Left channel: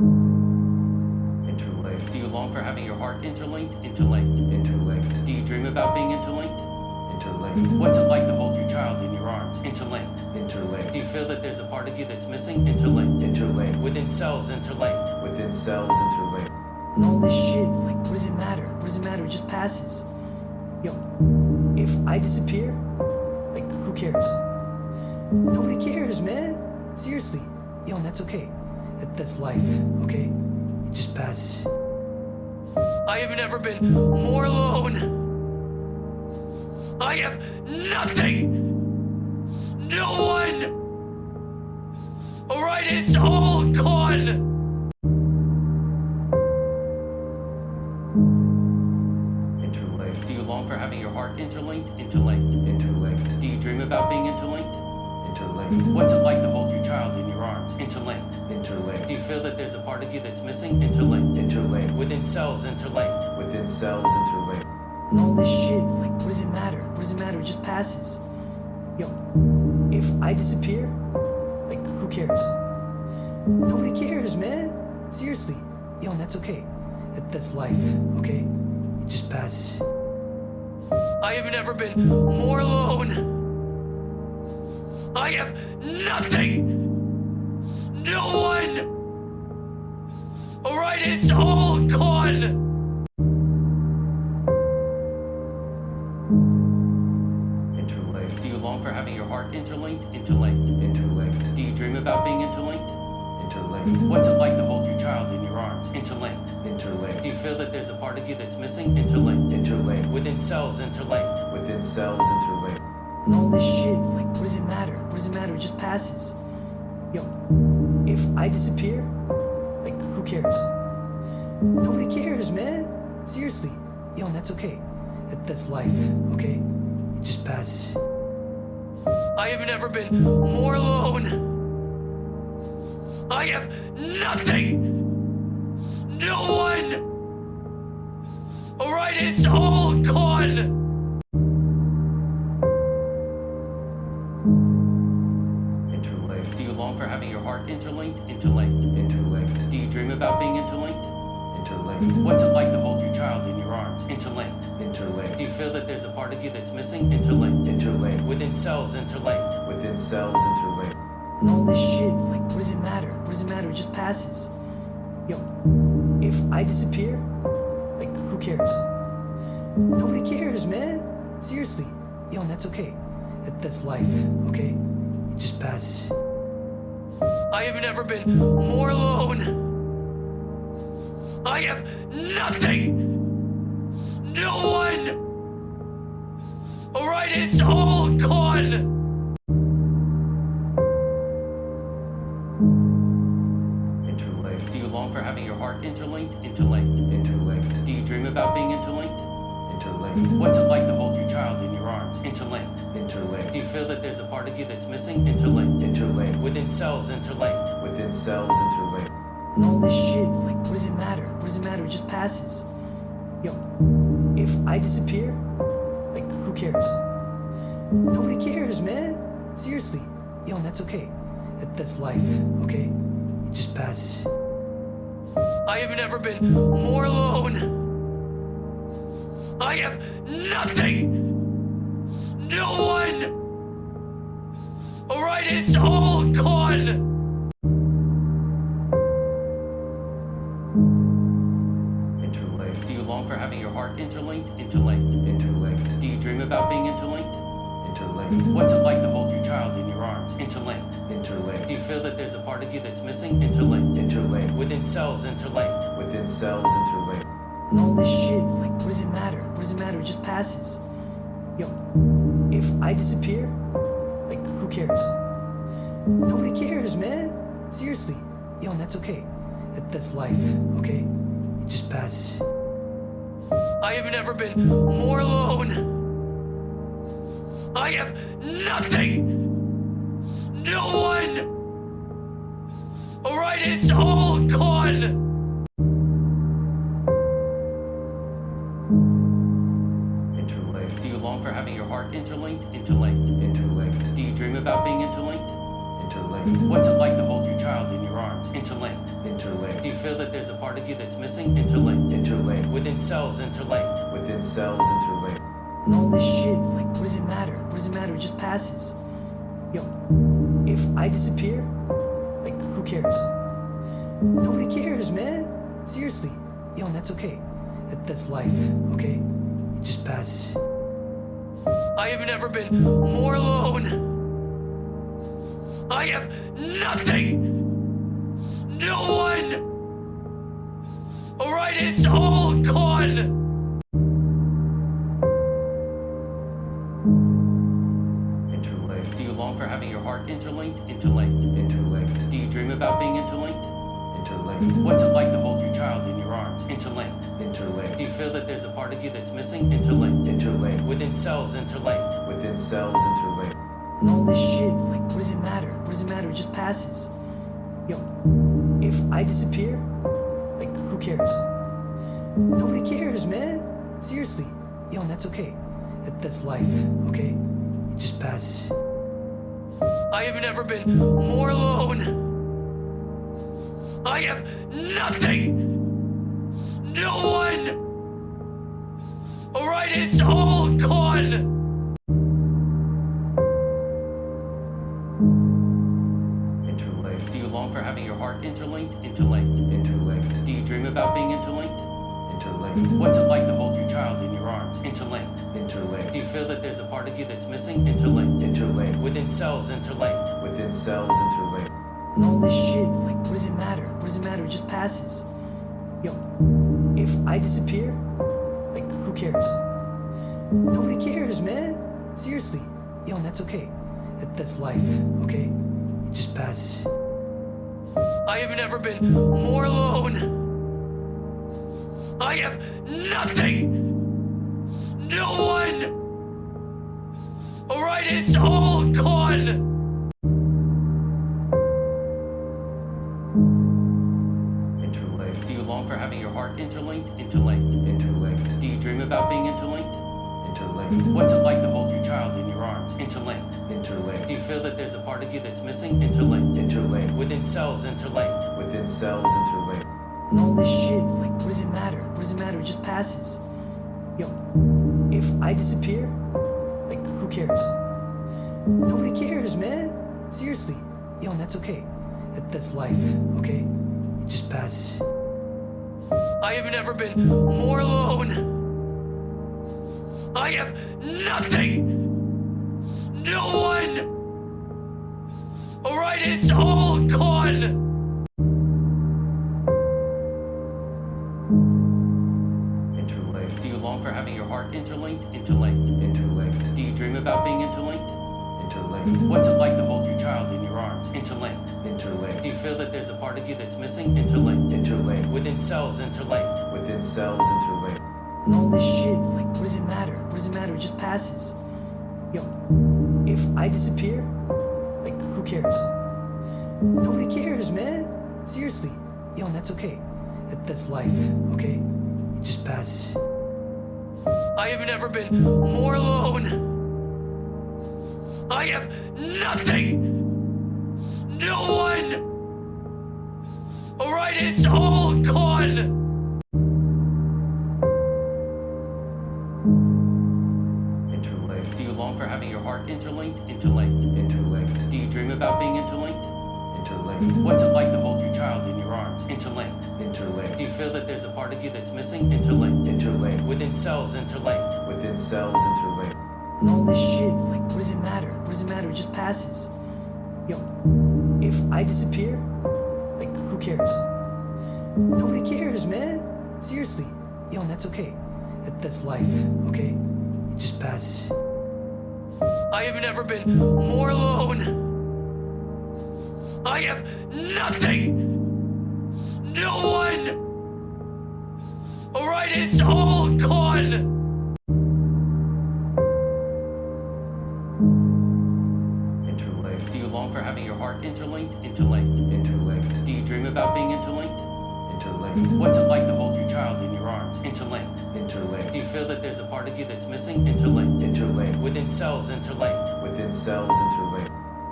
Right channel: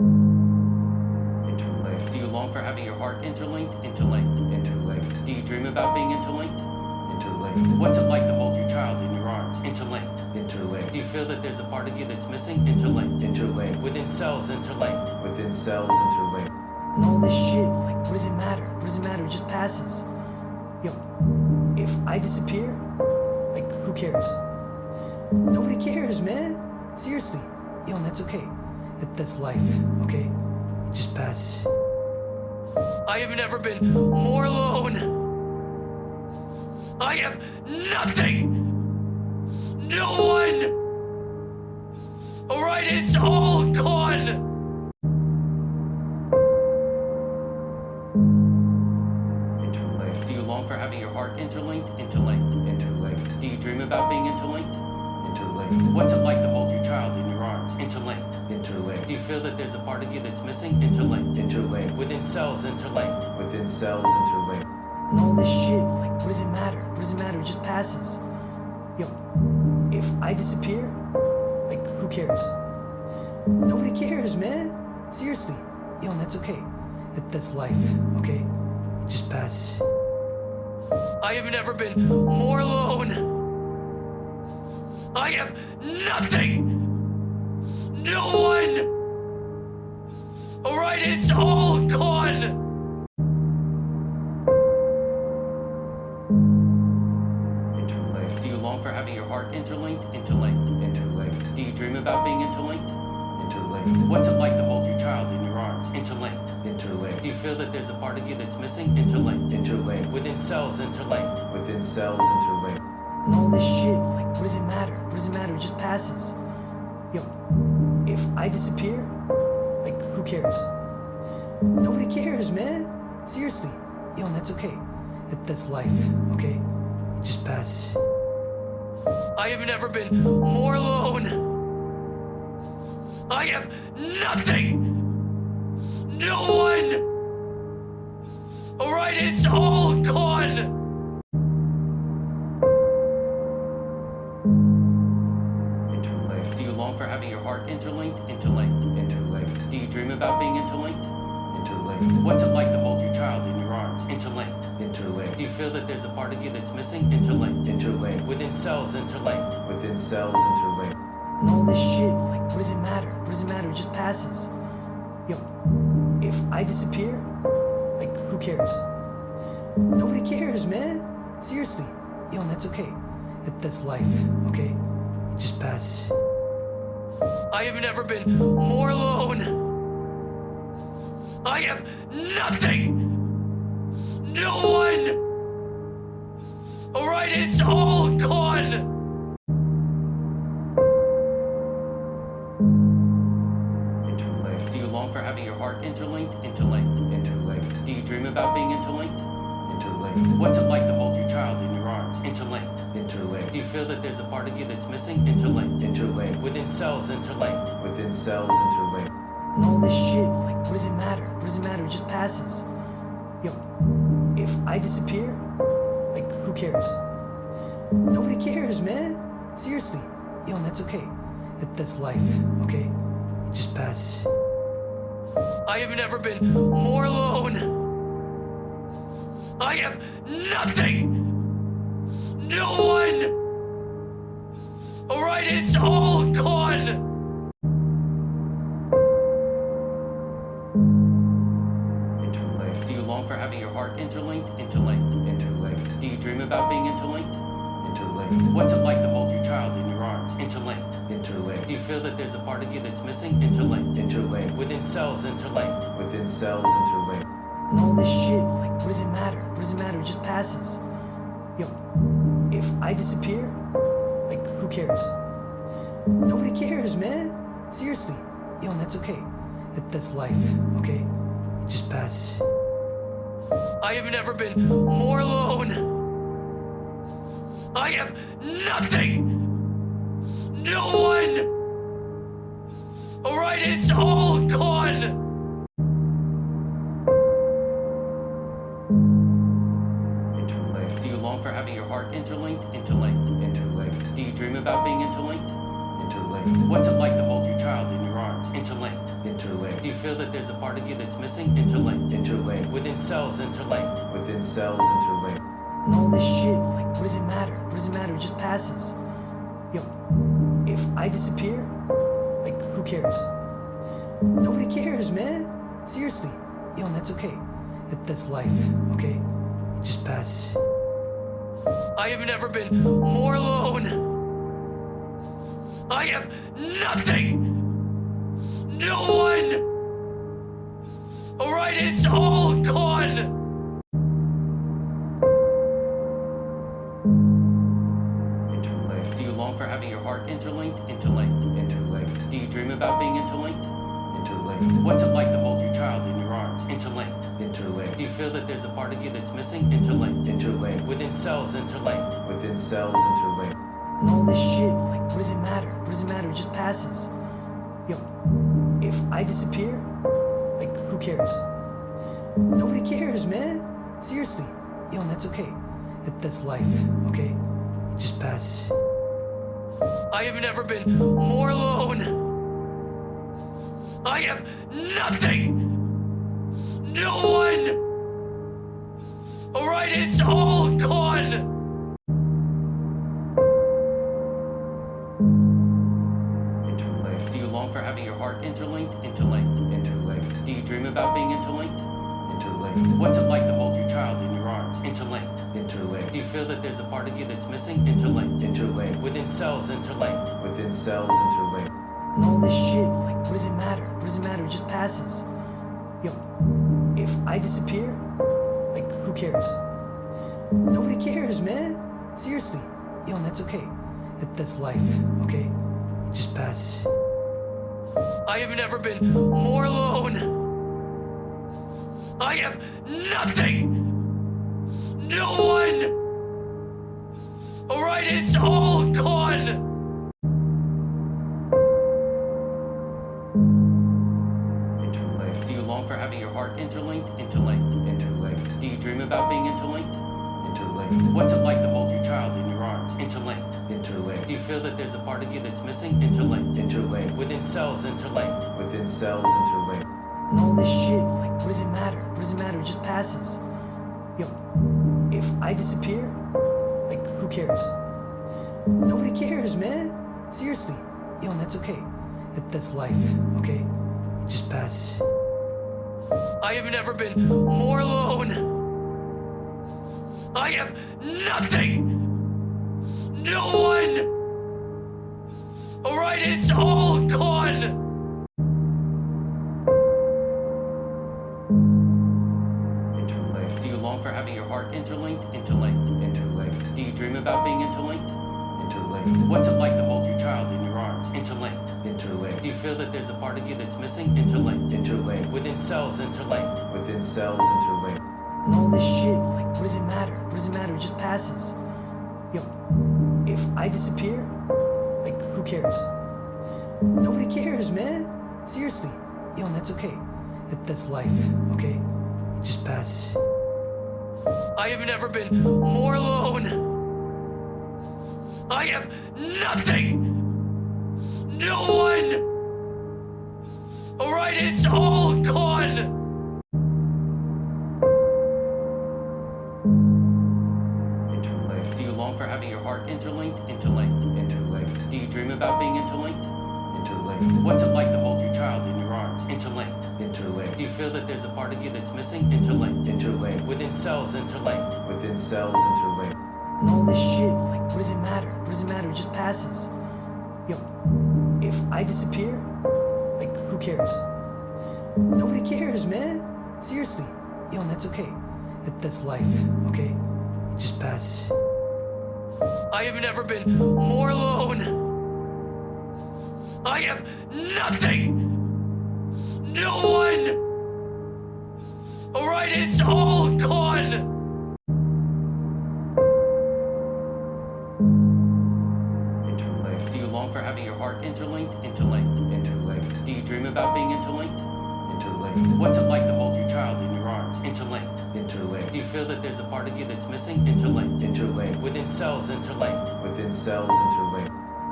Interlinked. Do you long for having your heart interlinked? Interlinked. Interlinked. Do you dream about being interlinked? Interlinked. What's it like to hold your child in your arms? Interlinked. Interlinked. Do you feel that there's a part of you that's missing? Interlinked. Interlinked. Within cells, interlinked. Within cells interlinked. And all this shit, like, what does it matter? What does it matter? It just passes. Yo, if I disappear, like, who cares? Nobody cares, man. Seriously. Yo, and that's okay. That's life, okay? It just passes. I have never been more alone. I have nothing. No one. All right, it's all gone. Interlinked. Do you long for having your heart interlinked? Interlinked. Interlinked. Do you dream about being interlinked? Interlinked. What's it like to hold your child in your arms? Interlinked. Interlinked. Do you feel that there's a part of you that's missing? Interlinked. Interlinked. Within cells, interlinked. Within cells interlinked. And all this shit, like, what does it matter? What does it matter? It just passes. Yo, if I disappear, like, who cares? Nobody cares, man. Seriously. Yo, and that's okay. That's life, okay? It just passes. I have never been more alone. I have nothing. No one. All right, it's all gone. Interlinked. Do you long for having your heart interlinked? Interlinked. Interlinked. Do you dream about being interlinked? Interlinked. What's it like to hold your child in your arms? Interlinked. Interlinked. Do you feel that there's a part of you that's missing? Interlinked. Interlinked. Within cells, interlinked. Within cells interlinked. And all this shit, like, what does it matter? What does it matter? It just passes. Yo, if I disappear, like, who cares? Nobody cares, man. Seriously. Yo, and that's okay. That's life, okay? It just passes. I have never been more alone. I have nothing. No one. All right, it's all gone. Interlinked. Do you long for having your heart interlinked? Interlinked. Interlinked. Do you dream about being interlinked? Interlinked. What's it like to hold your child in your arms? Interlinked. Interlinked. Do you feel that there's a part of you that's missing? Interlinked. Interlinked. Within cells, interlinked. Within cells interlinked. And all this shit, like, what does it matter? What does it matter? It just passes. Yo, if I disappear, like, who cares? Nobody cares, man. Seriously. Yo, and that's okay. That's life, okay? It just passes. I have never been more alone. I have nothing. No one. All right, it's all gone. Interlinked. Do you long for having your heart interlinked? Interlinked. Interlinked. Do you dream about being interlinked? Interlinked. What's it like to hold your child in your arms? Interlinked. Interlinked. Do you feel that there's a part of you that's missing? Interlinked. Interlinked. Within cells, interlinked. Within cells interlinked. And all this shit, like, what does it matter? What does it matter? It just passes. Yo, if I disappear, like, who cares? Nobody cares, man. Seriously. Yo, and that's okay. That's life, okay? It just passes. I have never been more alone. I have nothing. No one. All right, it's all gone. Interlinked. Do you long for having your heart interlinked? Interlinked. Interlinked. Do you dream about being interlinked? Interlinked. What's it like to hold your child in your arms? Interlinked. Interlinked. Do you feel that there's a part of you that's missing? Interlinked. Interlinked. Within cells, interlinked. Within cells interlinked. And all this shit, like, what does it matter? What does it matter? It just passes. Yo, if I disappear, like, who cares? Nobody cares, man. Seriously. Yo, and that's okay. That's life, okay? It just passes. I have never been more alone. I have nothing. No one. All right, it's all gone. Interlinked. Do you long for having your heart interlinked? Interlinked. Interlinked. Do you dream about being interlinked? interlinked, What's it like to hold your child in your arms? Interlinked. interlinked, Do you feel that there's a part of you that's missing? Interlinked. interlinked, Within cells, interlinked. within cells interlinked, And all this shit, like, what does it matter? What does it matter? It just passes. Yo, if I disappear, like, who cares? Nobody cares, man. Seriously. Yo, and that's okay. That's life, okay? It just passes. I have never been more alone. I have nothing. No one. All right, it's all gone. interlinked, Do you long for having your heart interlinked? Interlinked. interlinked, Do you dream about being interlinked? interlinked, What's it like to hold your child in your arms? Interlinked. interlinked, Do you feel that there's a part of you that's missing? Interlinked. interlinked, Within cells, interlinked. within cells interlinked, And all this shit, like, what does it matter? What does it matter? It just passes. Yo, if I disappear, like, who cares? Nobody cares, man. Seriously. Yo, and that's okay. That's life, okay? It just passes. I have never been more alone. I have nothing. No one. All right, it's all gone. interlinked, Do you long for having your heart interlinked? Interlinked. interlinked, Do you dream about being interlinked? interlinked, What's it like to hold your child in your arms? Interlinked. interlinked, Do you feel that there's a part of you that's missing? Interlinked. interlinked, Within cells, interlinked. within cells interlinked, And all this shit, like, what does it matter? What does it matter? It just passes. Yo, if I disappear, like, who cares? Nobody cares, man. Seriously. Yo, and that's okay. That's life, okay? It just passes. I have never been more alone. I have nothing. No one. All right, it's all gone. interlinked, Do you long for having your heart interlinked? Interlinked. interlinked, Do you dream about being interlinked? interlinked, What's it like to hold your child in your arms? Interlinked. interlinked, Do you feel that there's a part of you that's missing? Interlinked. interlinked, Within cells, interlinked. within cells interlinked, And all this shit, like, what does it matter? What does it matter? It just passes. Yo, if I disappear, like, who cares? Nobody cares, man. Seriously. Yo, and that's okay. That's life, okay? It just passes. I have never been more alone. I have nothing. No one. All right, it's all gone. interlinked, Do you long for having your heart interlinked? Interlinked. interlinked, Do you dream about being interlinked? interlinked, What's it like to hold your child in your arms? Interlinked. interlinked, Do you feel that there's a part of you that's missing? Interlinked. interlinked, Within cells, interlinked. within cells interlinked, And all this shit, like, what does it matter? What does it matter? It just passes. Yo, if I disappear, like, who cares? Nobody cares, man. Seriously. Yo, and that's okay. That's life, okay? It just passes. I have never been more alone. I have nothing. No one. All right, it's all gone. interlinked, Do you long for having your heart interlinked? Interlinked. interlinked, Do you dream about being interlinked? interlinked, What's it like to hold your child in your arms? Interlinked. interlinked, Do you feel that there's a part of you that's missing? Interlinked. interlinked, Within cells, interlinked. within cells interlinked, And all this shit, like, what does it matter? What does it matter? It just passes. Yo, if I disappear, like, who cares? Nobody cares, man. Seriously. Yo, and that's okay. That's life, okay? It just passes. I have never been more alone. I have nothing. No one. All right, it's all gone. interlinked, Do you long for having your heart interlinked? Interlinked. interlinked, Do you dream about being interlinked? interlinked, What's it like to hold your child in your arms? Interlinked. interlinked, Do you feel that there's a part of you that's missing? Interlinked. interlinked, Within cells, interlinked. within cells interlinked,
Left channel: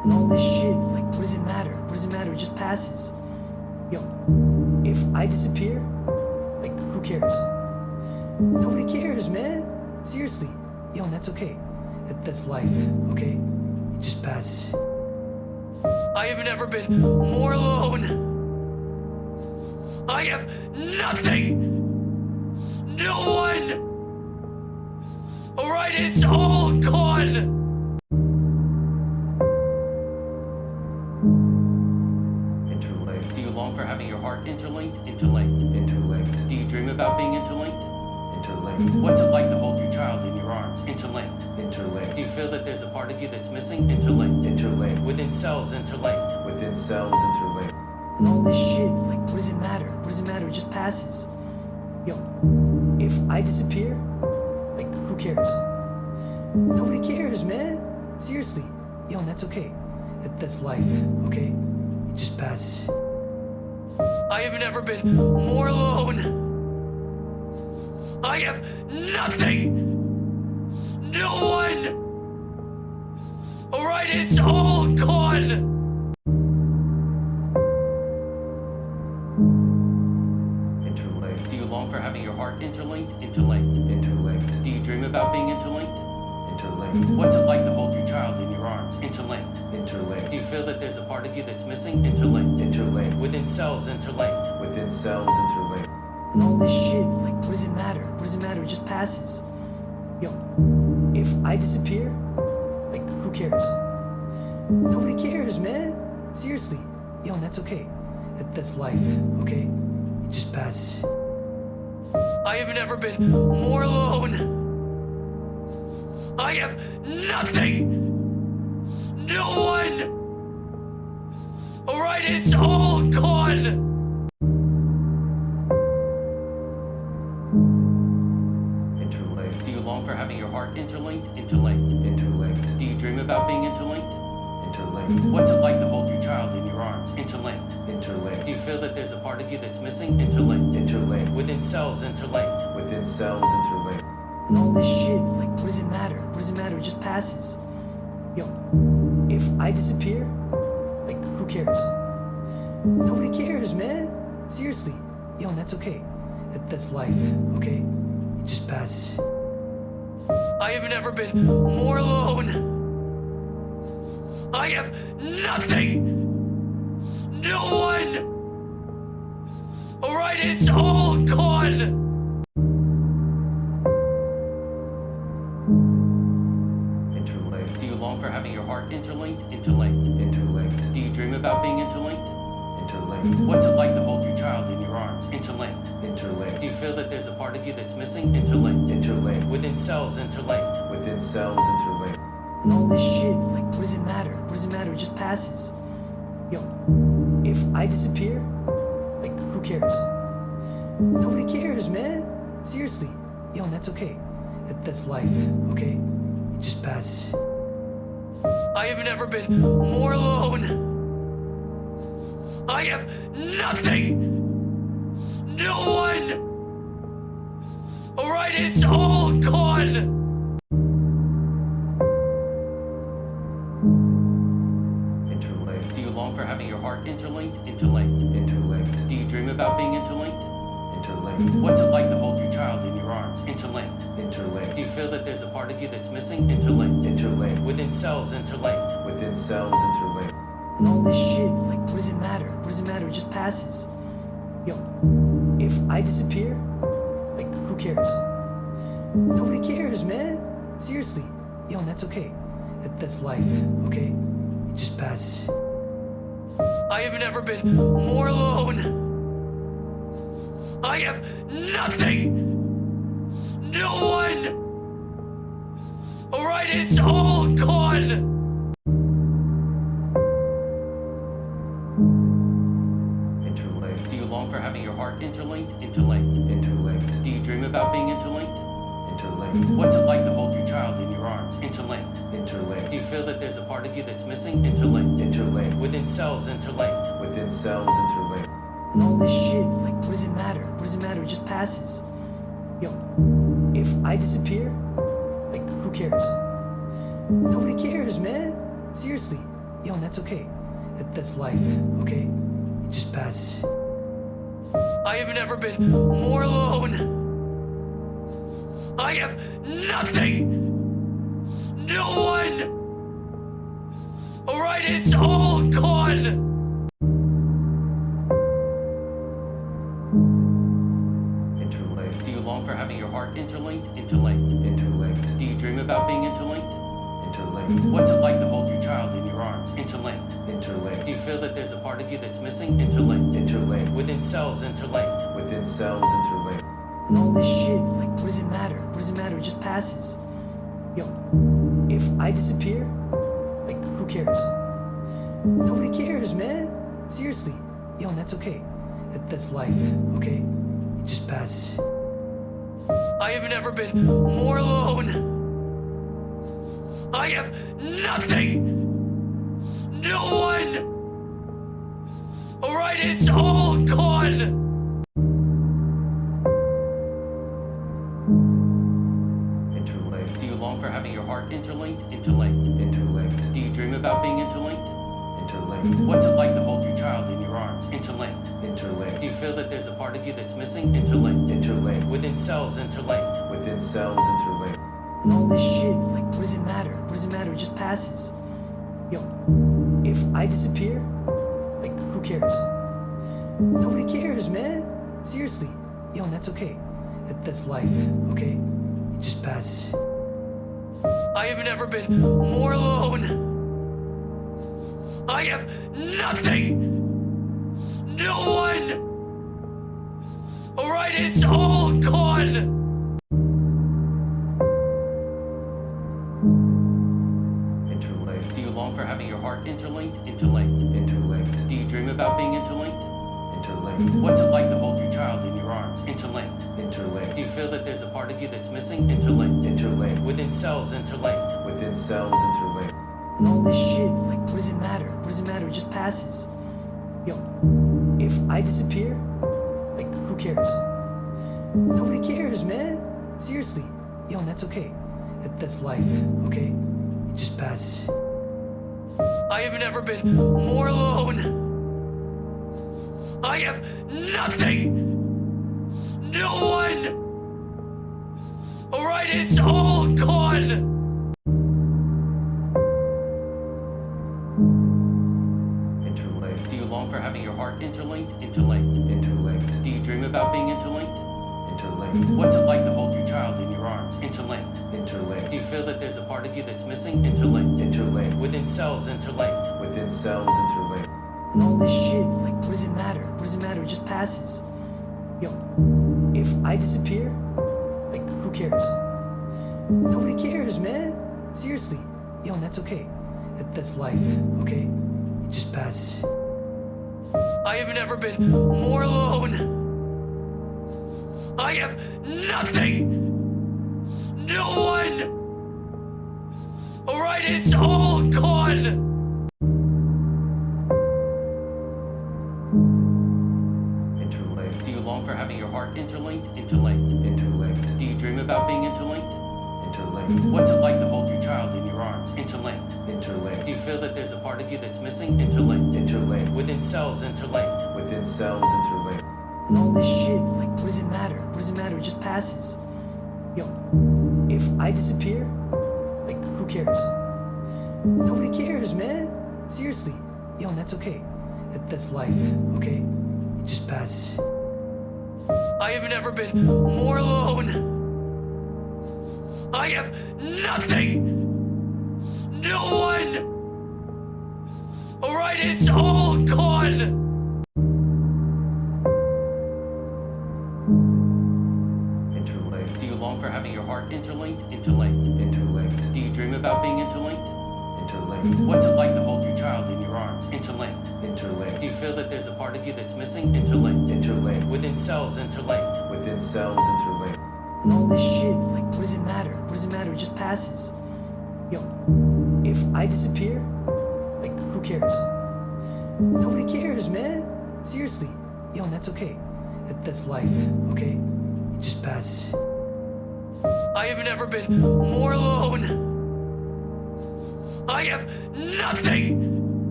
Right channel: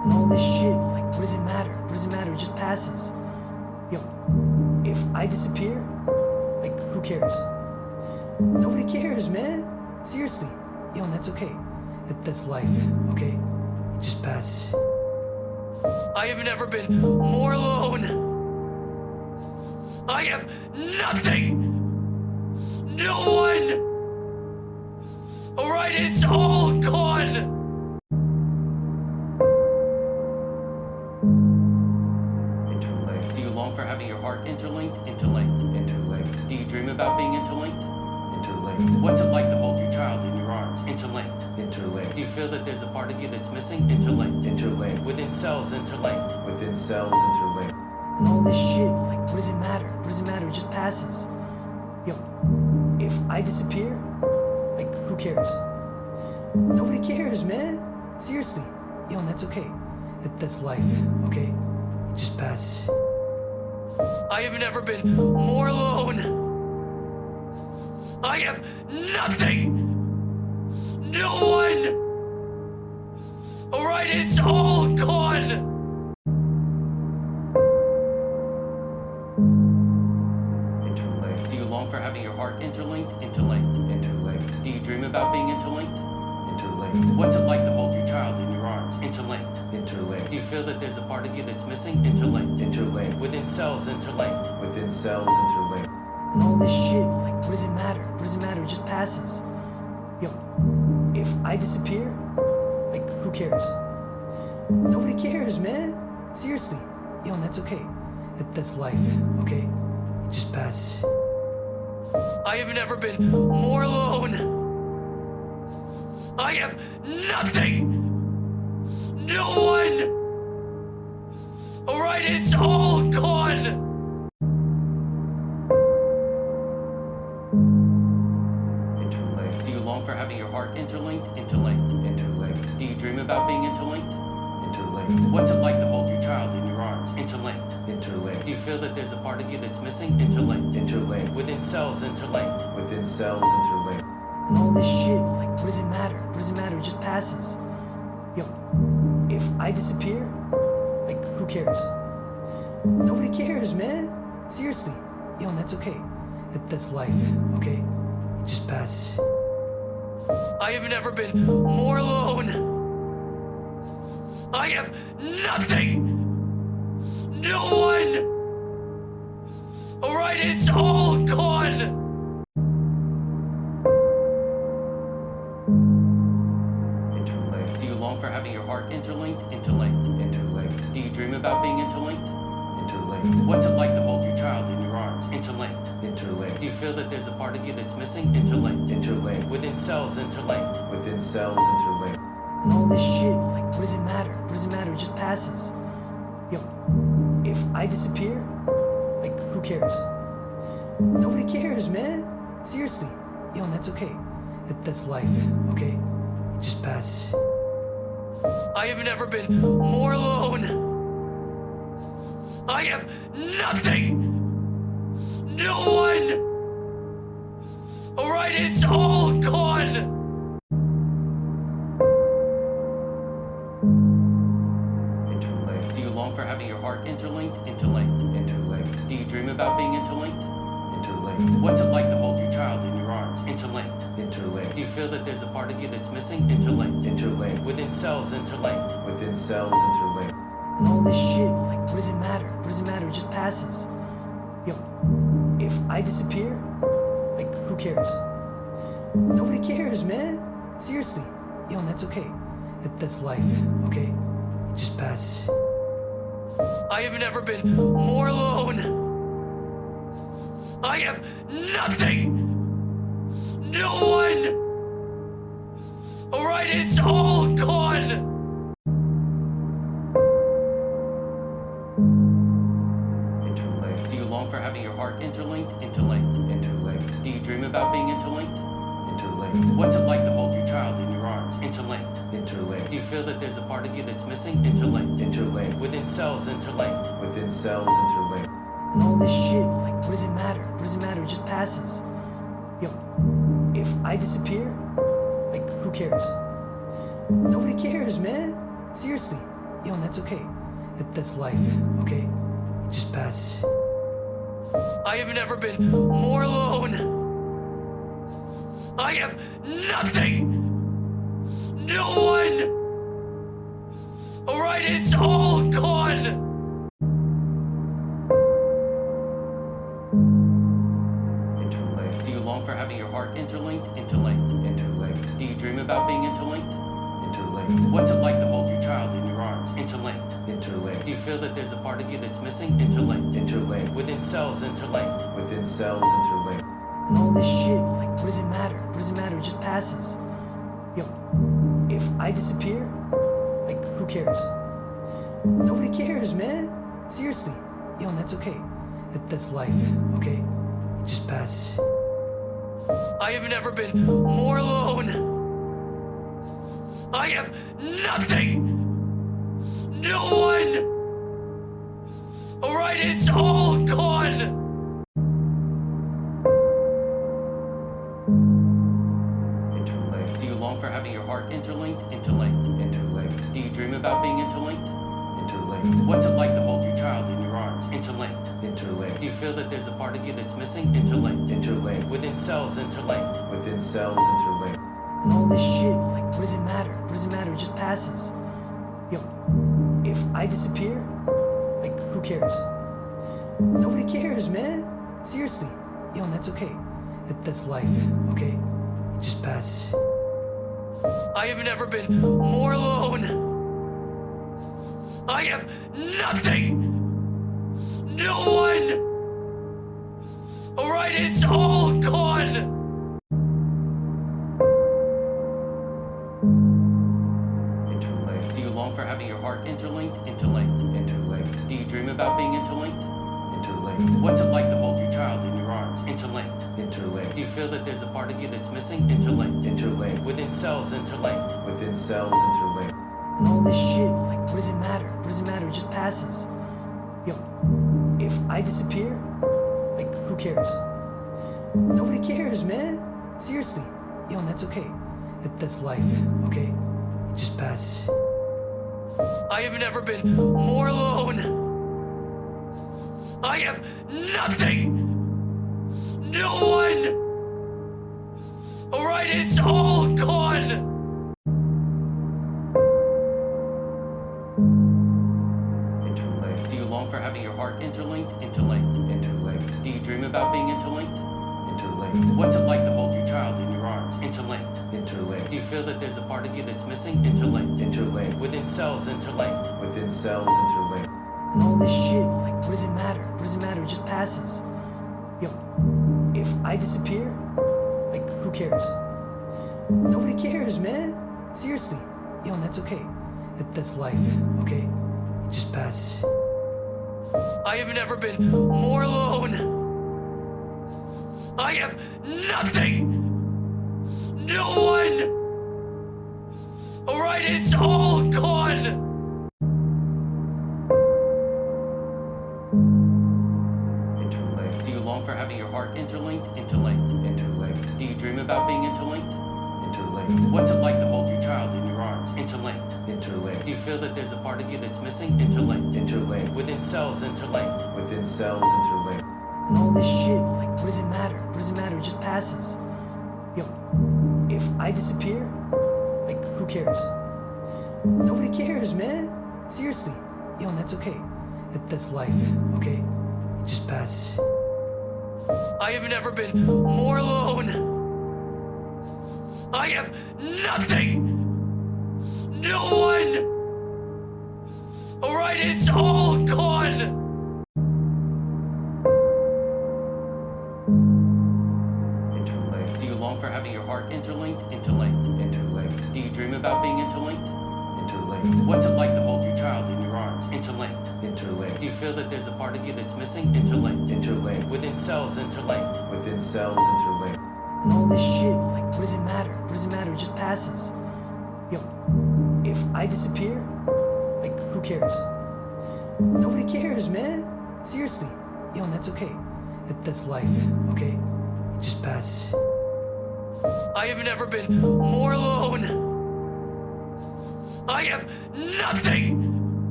And all this shit, like, what does it matter? What does it matter? It just passes. Yo, if I disappear, like, who cares? Nobody cares, man. Seriously. Yo, and that's okay. That's life, okay? It just passes. I have never been more alone. I have nothing. No one. All right, it's all gone. Interlinked. Do you long for having your heart interlinked? Interlinked. Interlinked. Do you dream about being interlinked? Interlinked. What's it like to hold your child in your arms? Interlinked. Interlinked. Do you feel that there's a part of you that's missing? Interlinked. Interlinked. Within cells, interlinked. Within cells, interlinked. And all this shit, like, what does it matter? What does it matter? It just passes. Yo, if I disappear, like, who cares? Nobody cares, man. Seriously. Yo, and that's okay. That's life, okay? It just passes. I have never been more alone. I have nothing. No one. All right, it's all gone. Interlinked. Do you long for having your heart interlinked? Interlinked. Interlinked. Do you dream about being interlinked? Interlinked. What's it like to hold your child in your arms? Interlinked. Interlinked. Do you feel that there's a part of you that's missing? Interlinked. Interlinked. Within cells, interlinked. Within cells, interlinked. And all this shit, like, what does it matter? What does it matter? It just passes. Yo, if I disappear, like, who cares? Nobody cares, man. Seriously. Yo, and that's okay. That's life, okay? It just passes. I have never been more alone. I have nothing. No one. All right, it's all gone. Interlinked. Do you long for having your heart interlinked? Interlinked. Interlinked. Do you dream about being interlinked? Interlinked. What's it like to hold your child in your arms? Interlinked. Interlinked. Do you feel that there's a part of you that's missing? Interlinked. Interlinked. Within cells, interlinked. Within cells, interlinked. And all this shit, like, what does it matter? What does it matter? It just passes. Yo, if I disappear, like, who cares? Nobody cares, man. Seriously. Yo, and that's okay. That's life, okay? It just passes. I have never been more alone. I have nothing. No one. All right, it's all gone. Interlinked. Do you long for having your heart interlinked? Interlinked. Interlinked. Do you dream about being interlinked? Interlinked. What's it like to hold your child in your arms? Interlinked. Interlinked. Do you feel that there's a part of you that's missing? Interlinked. Interlinked. Within cells, interlinked. Within cells, interlinked. And all this shit, like, what does it matter? What does it matter? It just passes. Yo, if I disappear, like, who cares? Nobody cares, man. Seriously. Yo, and that's okay. That's life, okay? It just passes. I have never been more alone. I have nothing. No one. All right, it's all gone. Interlinked. Do you long for having your heart interlinked? Interlinked. Interlinked. Do you dream about being interlinked? Interlinked. What's it like to hold your child in your arms? Interlinked. Interlinked. Do you feel that there's a part of you that's missing? Interlinked. Interlinked. Within cells, interlinked. Within cells, interlinked. And all this shit, like, what does it matter? What does it matter? It just passes. Yo, if I disappear, like, who cares? Nobody cares, man. Seriously. Yo, and that's okay. That's life, okay? It just passes. I have never been more alone. I have nothing. No one. All right, it's all gone. Interlinked. Do you long for having your heart interlinked? Interlinked. Interlinked. Do you dream about being interlinked? Interlinked. What's it like to hold your child in your arms? Interlinked. Interlinked. Do you feel that there's a part of you that's missing? Interlinked. Interlinked. Within cells, interlinked. Within cells, interlinked. And all this shit, like, what does it matter? What does it matter? It just passes. Yo, if I disappear, like, who cares? Nobody cares, man. Seriously. Yo, and that's okay. That's life, okay? It just passes. I have never been more alone. I have nothing. No one. All right, it's all gone. Interlinked. Do you long for having your heart interlinked? Interlinked. Interlinked. Do you dream about being interlinked? Interlinked. What's it like to hold your child in your arms? Interlinked. Interlinked. Do you feel that there's a part of you that's missing? Interlinked. Interlinked. Within cells, interlinked. Within cells interlinked. And all this shit, like, what does it matter? What does it matter? It just passes. Yo, if I disappear, like, who cares? Nobody cares, man. Seriously. Yo, and that's okay. That's life, okay? It just passes. I have never been more alone. I have nothing. No one. All right, it's all gone. Interlinked. Do you long for having your heart interlinked? Interlinked. Interlinked. Do you dream about being interlinked? Interlinked. What's it like to hold your child in your arms? Interlinked. Interlinked. Do you feel that there's a part of you that's missing? Interlinked. Interlinked. Within cells, interlinked. Within cells interlinked. And all this shit, like, what does it matter? What does it matter? It just passes. Yo, if I disappear, like, who cares? Nobody cares, man. Seriously. Yo, and that's okay. That's life, okay? It just passes. I have never been more alone. I have nothing. No one. All right, it's all gone. Interlinked. Do you long for having your heart interlinked? Interlinked. Interlinked. Do you dream about being interlinked? Interlinked. What's it like to hold your child in your arms? Interlinked. Interlinked. Do you feel that there's a part of you that's missing? Interlinked. Interlinked. Within cells, interlinked. Within cells interlinked. And all this shit, like, what does it matter? What does it matter? It just passes. Yo, if I disappear, like, who cares? Nobody cares, man. Seriously. Yo, and that's okay. That's life, okay? It just passes. I have never been more alone. I have nothing. No one. All right, it's all gone. Interlinked. Do you long for having your heart interlinked? Interlinked. Interlinked. Do you dream about being interlinked? Interlinked. What's it like to hold your child in your arms? Interlinked. Interlinked. Do you feel that there's a part of you that's missing? Interlinked. Interlinked. Within cells, interlinked. Within cells interlinked. And all this shit, like, what does it matter? What does it matter? It just passes. Yo, if I disappear, like, who cares? Nobody cares, man. Seriously. Yo, and that's okay. That's life, okay? It just passes. I have never been more alone. I have nothing. No one. All right, it's all gone. Interlinked. Do you long for having your heart interlinked? Interlinked. Interlinked. Do you dream about being interlinked? Interlinked. What's it like to hold your child in your arms? Interlinked. Interlinked. Do you feel that there's a part of you that's missing? Interlinked. Interlinked. Within cells, interlinked. Within cells interlinked. And all this shit, like, what does it matter? What does it matter? It just passes. Yo, if I disappear, like, who cares? Nobody cares, man. Seriously. Yo, and that's okay. That's life, okay? It just passes. I have never been more alone. I have nothing. No one. All right, it's all gone. Interlinked. Do you long for having your heart interlinked? Interlinked. Interlinked. Do you dream about being interlinked? Interlinked. What's it like to hold your child in your arms? Interlinked. Interlinked. Do you feel that there's a part of you that's missing? Interlinked. Interlinked. Within cells, interlinked. Within cells interlinked. And all this shit, like, what does it matter? What does it matter? It just passes. Yo, if I disappear, like, who cares? Nobody cares, man. Seriously. Yo, and that's okay. That's life, okay? It just passes. I have never been more alone. I have nothing.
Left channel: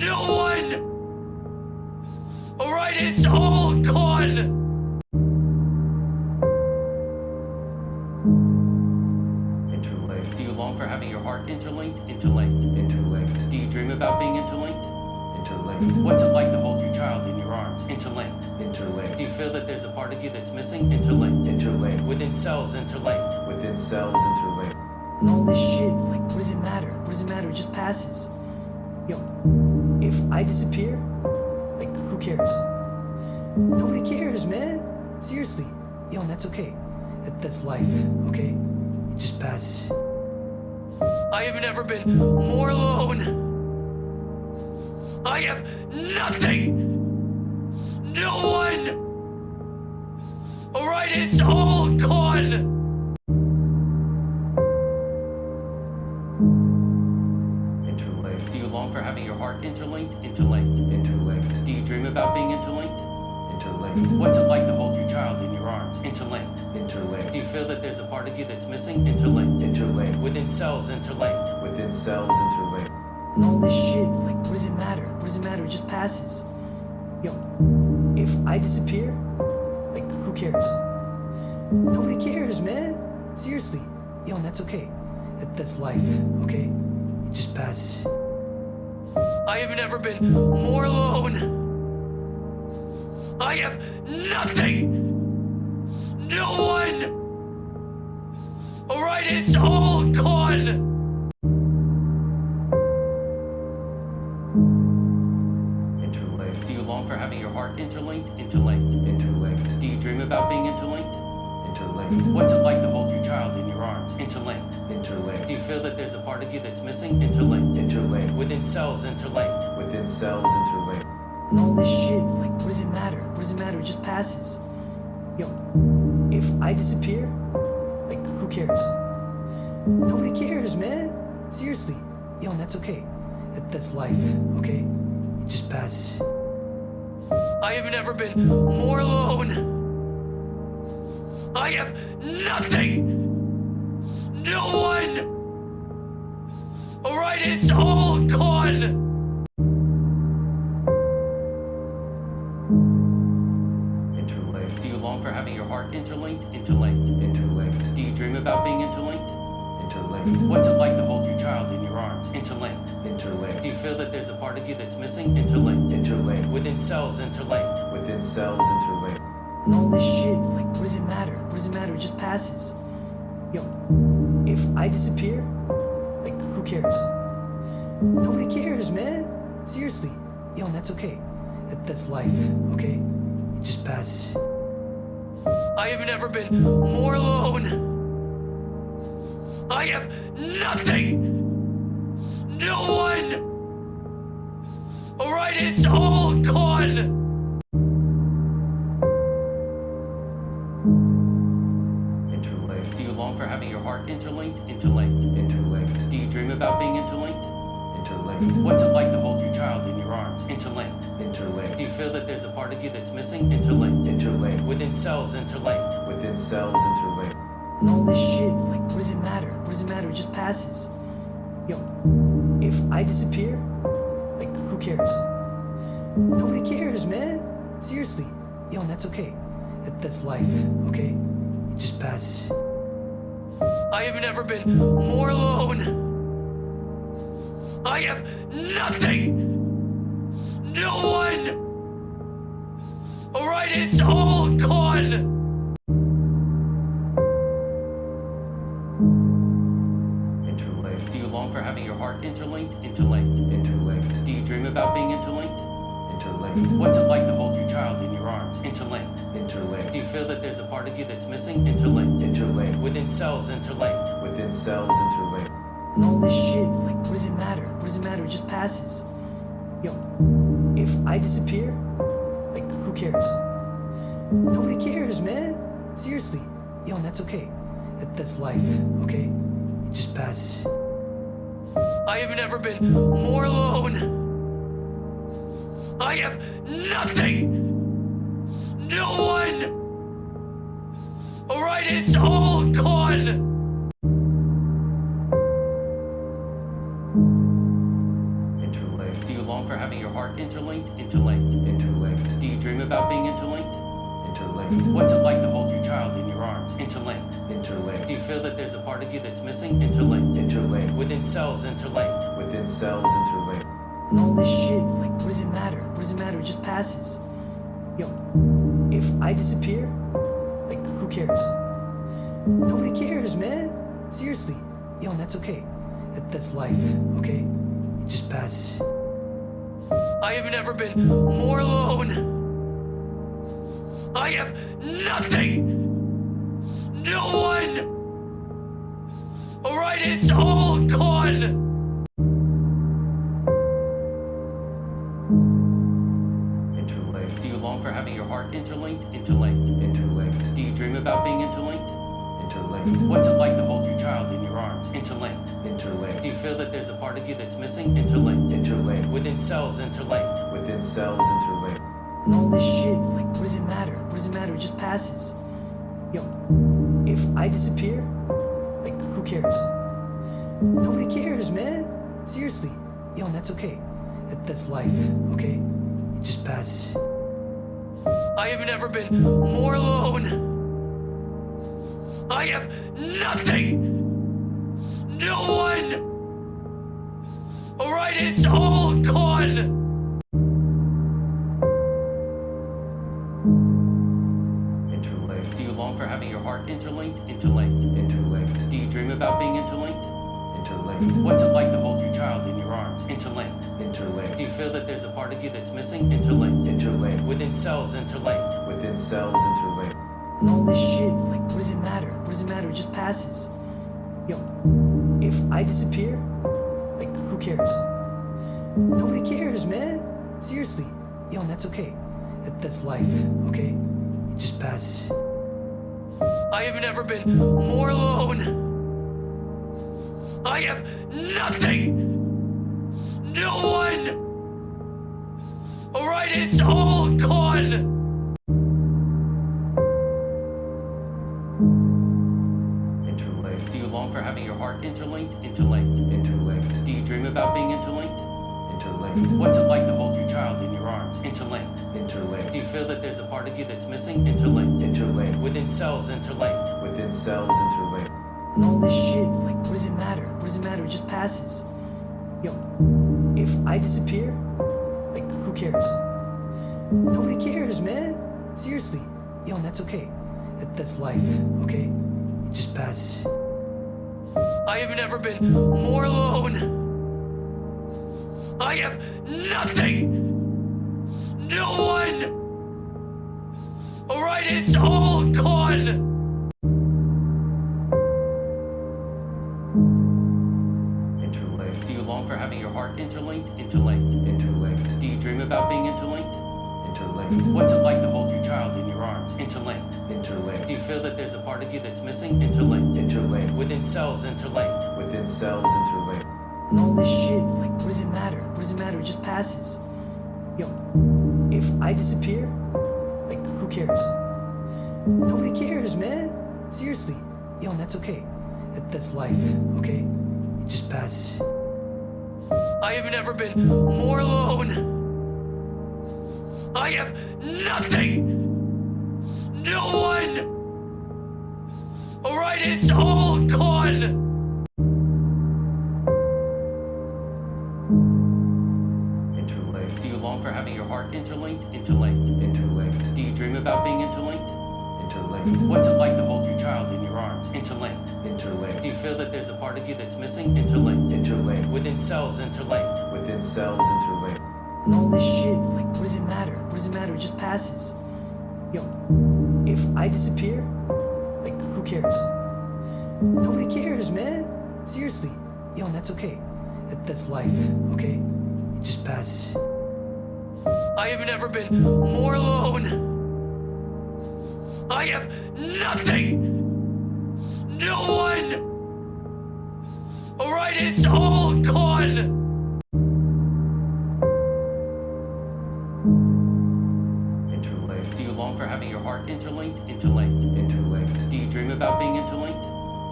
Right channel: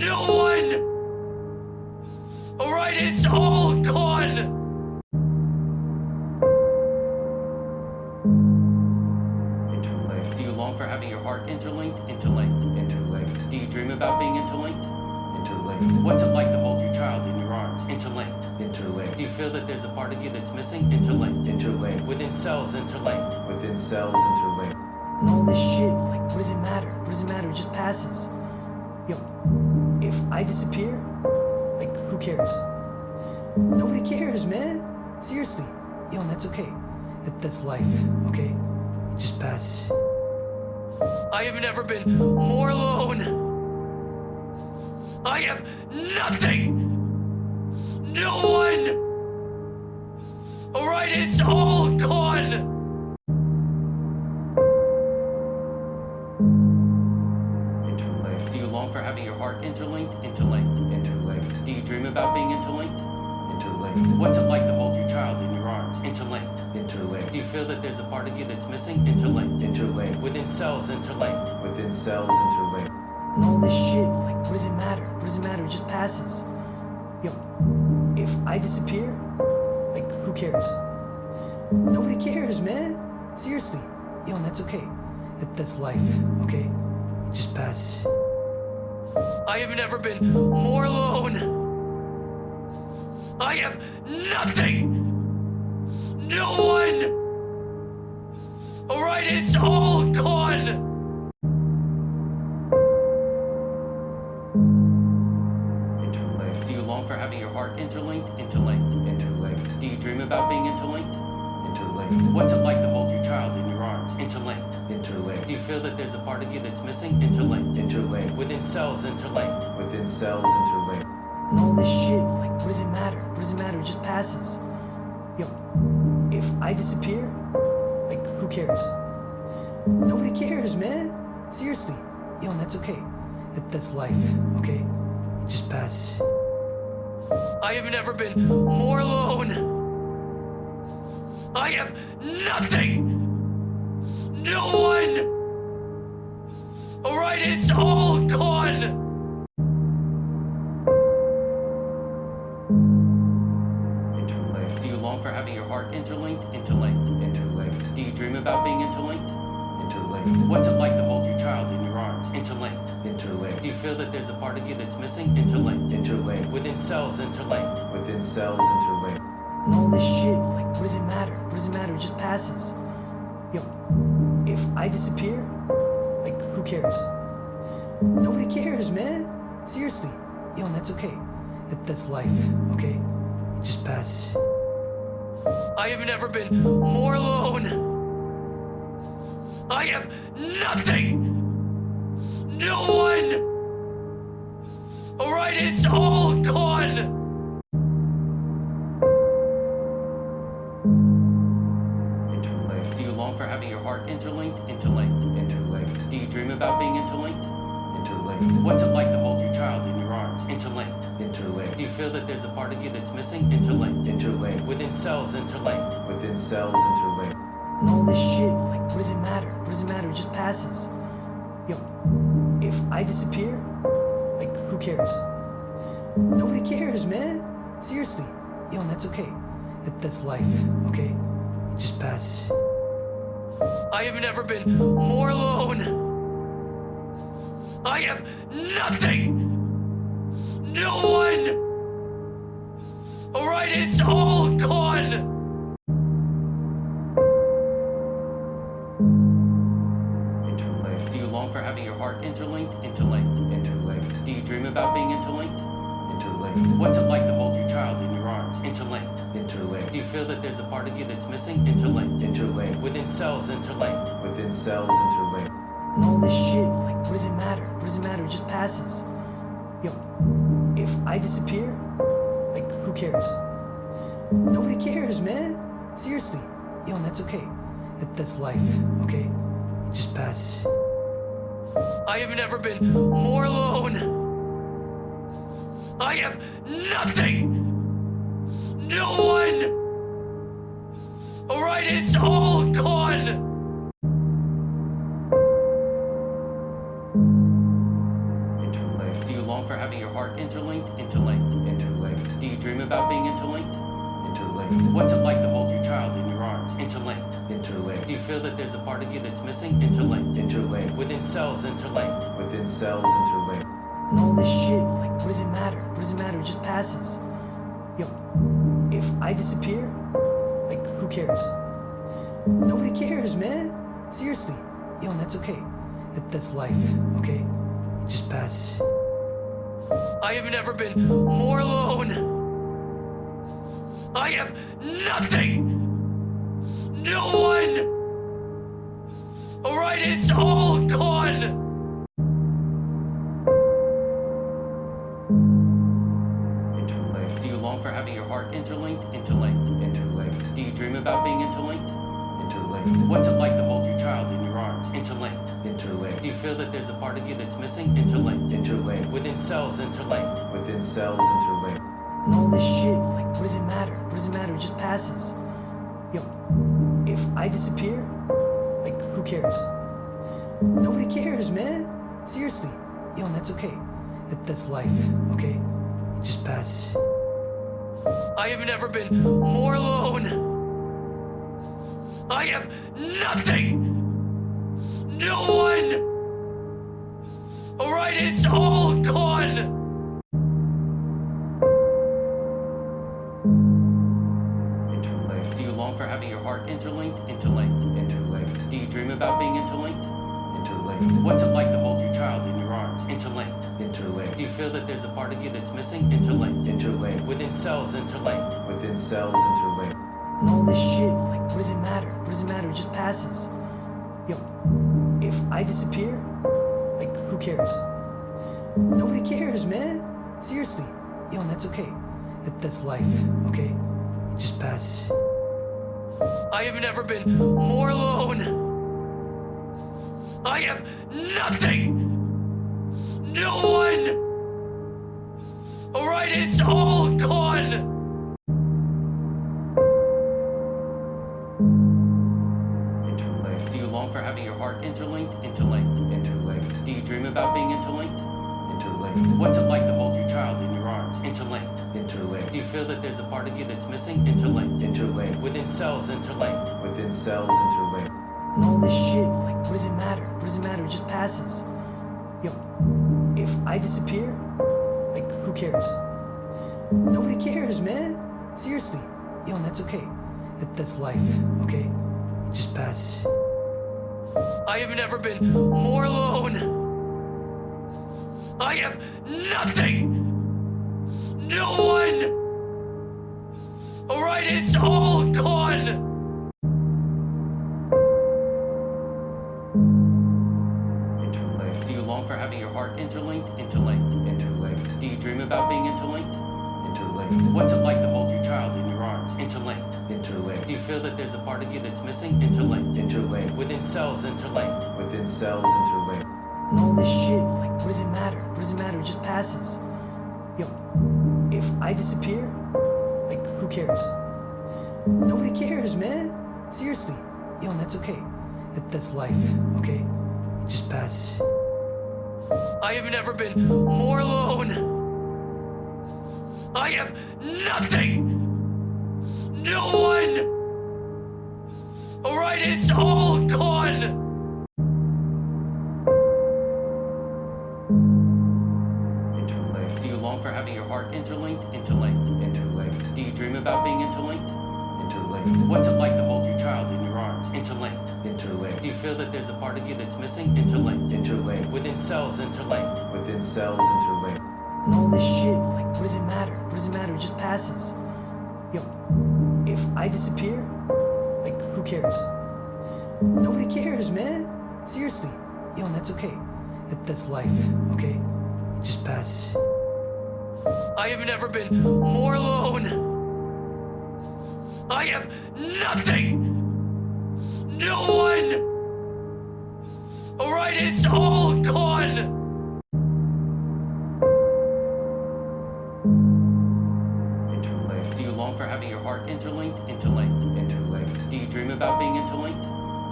No one! Alright, it's all gone! Interlinked. Do you long for having your heart interlinked? Interlinked. Interlinked. Do you dream about being interlinked? Interlinked. What's it like to hold your child in your arms? Interlinked. Interlinked. Do you feel that there's a part of you that's missing? Interlinked. Interlinked. Within cells, interlinked. Within cells interlinked. And all this shit, like, what does it matter? What does it matter? It just passes. Yo, if I disappear, like, who cares? Nobody cares, man. Seriously. Yo, and that's okay. That's life, okay? It just passes. I have never been more alone. I have nothing. No one. Alright, it's all gone. Interlinked. Do you long for having your heart interlinked? Interlinked. Interlinked. Do you dream about being interlinked? Interlinked. What's it like to hold your child in your arms? Interlinked. Interlinked. Do you feel that there's a part of you that's missing? Interlinked. Interlinked. Within cells, interlinked. Within cells interlinked. And all this shit, like, what does it matter? What does it matter? It just passes. Yo, if I disappear, like, who cares? Nobody cares, man. Seriously. Yo, and that's okay. That's life, okay? It just passes. I have never been more alone. I have nothing. No one. Alright, it's all gone. Interlinked. Do you long for having your heart interlinked? Interlinked. Interlinked. Do you dream about being interlinked? Interlinked. What's it like to hold your child in your arms? Interlinked. Interlinked. Do you feel that there's a part of you that's missing? Interlinked. Interlinked. Within cells, interlinked. Within cells interlinked. And all this shit, like, what does it matter? What does it matter? It just passes. Yo, if I disappear, like, who cares? Nobody cares, man. Seriously. Yo, and that's okay. That's life, okay? It just passes. I have never been more alone. I have nothing. No one. Alright, it's all gone. Interlinked. Do you long for having your heart interlinked? Interlinked. Interlinked. Do you dream about being interlinked? Interlinked. What's it like to hold your child in your arms? Interlinked. Interlinked. Do you feel that there's a part of you that's missing? Interlinked. Interlinked. Within cells, interlinked. Within cells interlinked. And all this shit, like, what does it matter? What does it matter? It just passes. Yo, if I disappear, like, who cares? Nobody cares, man. Seriously. Yo, and that's okay. That's life, okay? It just passes. I have never been more alone. I have nothing. No one. Alright, it's all gone. Interlinked. Do you long for having your heart interlinked? Interlinked. Interlinked. Do you dream about being interlinked? Interlinked. What's it like to hold your child in your arms? Interlinked. Interlinked. Do you feel that there's a part of you that's missing? Interlinked. Interlinked. Within cells, interlinked. Within cells interlinked. And all this shit, like, what does it matter? What does it matter? It just passes. Yo, if I disappear, like, who cares? Nobody cares, man. Seriously. Yo, and that's okay. That's life, okay? It just passes. I have never been more alone. I have nothing. No one. Alright, it's all gone. Interlinked. Do you long for having your heart interlinked? Interlinked. Interlinked. Do you dream about being interlinked? Interlinked. What's it like to hold your child in your arms? Interlinked. Interlinked. Do you feel that there's a part of you that's missing? Interlinked. Interlinked. Within cells, interlinked. Within cells interlinked. And all this shit, like, what does it matter? What does it matter? It just passes. Yo, if I disappear, like, who cares? Nobody cares, man. Seriously. Yo, and that's okay. That's life, okay? It just passes. I have never been more alone. I have nothing. No one. Alright, it's all gone. Interlinked. Do you long long for having your heart interlinked? Interlinked. Interlinked. Do you dream about being interlinked? Interlinked. What's it like to hold your child in your arms? Interlinked. Interlinked. Do you feel that there's a part of you that's missing? Interlinked. Interlinked. Within cells, interlinked. Within cells interlinked. And all this shit, like, what does it matter? What does it matter? It just passes. Yo, if I disappear, like, who cares? Nobody cares, man. Seriously. Yo, and that's okay. That's life, okay? It just passes. I have never been more alone. I have nothing. No one. All right, it's all gone. Interlinked. Do you long for having your heart interlinked? Interlinked. Interlinked. Do you dream about being interlinked? Interlinked. What's it like to hold your child in your arms? Interlinked. Interlinked. Do you feel that there's a part of you that's missing? Interlinked. Interlinked. Within cells, interlinked. Within cells interlinked. And all this shit, like, what does it matter? What does it matter? It just passes. Yo, if I disappear, like, who cares? Nobody cares, man. Seriously. Yo, and that's okay. That's life, okay? It just passes. I have never been more alone. I have nothing. No one. All right, it's all gone. Interlinked. Do you long for having your heart interlinked? Interlinked. Interlinked. Do you dream about being interlinked? Interlinked. What's it like to hold your child in your arms? Interlinked. Interlinked. Do you feel that there's a part of you that's missing? Interlinked. Interlinked. Within cells, interlinked. Within cells interlinked. And all this shit, like, what does it matter? What does it matter? It just passes. Yo, if I disappear, like, who cares? Nobody cares, man. Seriously. Yo, and that's okay. That's life, okay? It just passes. I have never been more alone. I have nothing. No one. All right, it's all gone. Interlinked. Do you long for having your heart interlinked? Interlinked. Interlinked. Do you dream about being interlinked? Interlinked. What's it like to hold your child in your arms? Interlinked. Interlinked. Do you feel that there's a part of you that's missing? Interlinked. Interlinked. Within cells, interlinked. Within cells interlinked. And all this shit, like, what does it matter? What does it matter? It just passes. Yo, if I disappear, like, who cares? Nobody cares, man. Seriously. Yo, and that's okay. That's life, okay? It just passes. I have never been more alone. I have nothing. No one. All right, it's all gone. Interlinked. Do you long for having your heart interlinked? Interlinked. Interlinked. Do you dream about being interlinked? Interlinked. What's it like to hold your child in your arms? Interlinked. Interlinked. Do you feel that there's a part of you that's missing? Interlinked. Interlinked. Within cells, interlinked. Within cells interlinked. And all this shit, like, what does it matter? What does it matter? It just passes. Yo, if I disappear, like, who cares? Nobody cares, man. Seriously. Yo, and that's okay. That's life, okay? It just passes. I have never been more alone. I have nothing. No one. All right, it's all gone. Interlinked. Do you long for having your heart interlinked? Interlinked. Interlinked. Do you dream about being interlinked? Interlinked. What's it like to hold your child in your arms? Interlinked. Interlinked. Do you feel that there's a part of you that's missing? Interlinked. Interlinked. Within cells, interlinked. Within cells interlinked. And all this shit, like, what does it matter? What does it matter? It just passes. Yo, if I disappear, like, who cares? Nobody cares, man. Seriously. Yo, and that's okay. That's life, okay? It just passes. I have never been more alone. I have nothing. No one. All right, it's all gone. Interlinked. Do you long for having your heart interlinked? Interlinked. Interlinked. Do you dream about being interlinked?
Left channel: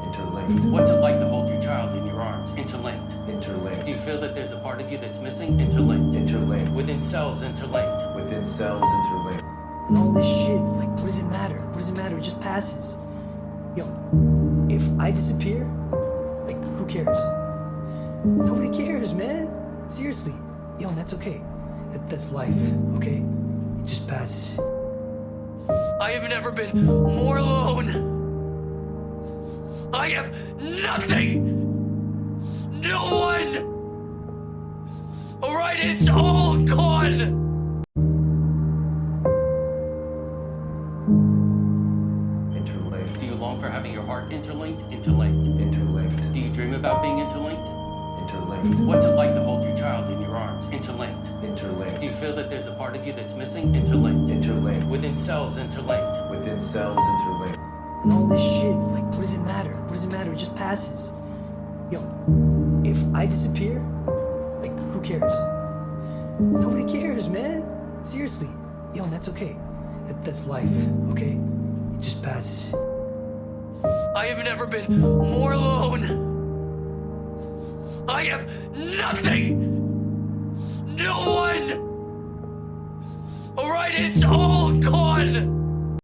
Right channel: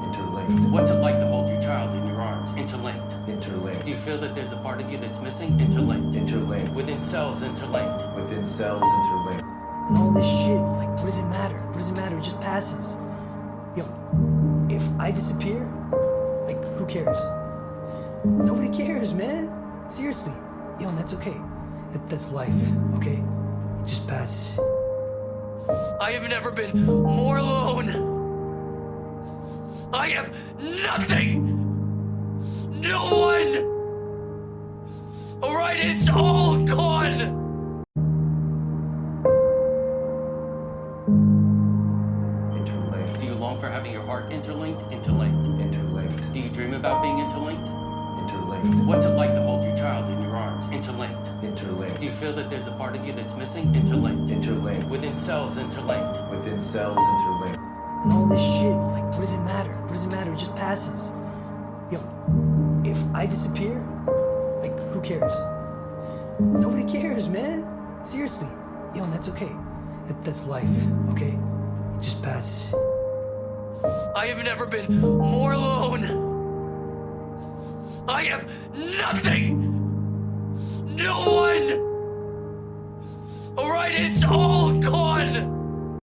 Interlinked. What's it like to hold your child in your arms? Interlinked. Interlinked. Do you feel that there's a part of you that's missing? Interlinked. Interlinked. Within cells, interlinked. Within cells interlinked. And all this shit, like, what does it matter? What does it matter? It just passes. Yo, if I disappear, like, who cares? Nobody cares, man. Seriously. Yo, and that's okay. That's life, okay? It just passes. I have never been more alone. I have nothing. No one. All right, it's all gone. Interlinked. Do you long for having your heart interlinked? Interlinked. Interlinked. Do you dream about being interlinked? Interlinked. What's it like to hold your child in your arms? Interlinked. Interlinked. Do you feel that there's a part of you that's missing? Interlinked. Interlinked. Within cells, interlinked. Within cells interlinked. And all this shit, like, what does it matter? What does it matter? It just passes. Yo, if I disappear, like, who cares? Nobody cares, man. Seriously. Yo, and that's okay. That's life, okay? It just passes. I have never been more alone. I have nothing. No one. All right, it's all gone.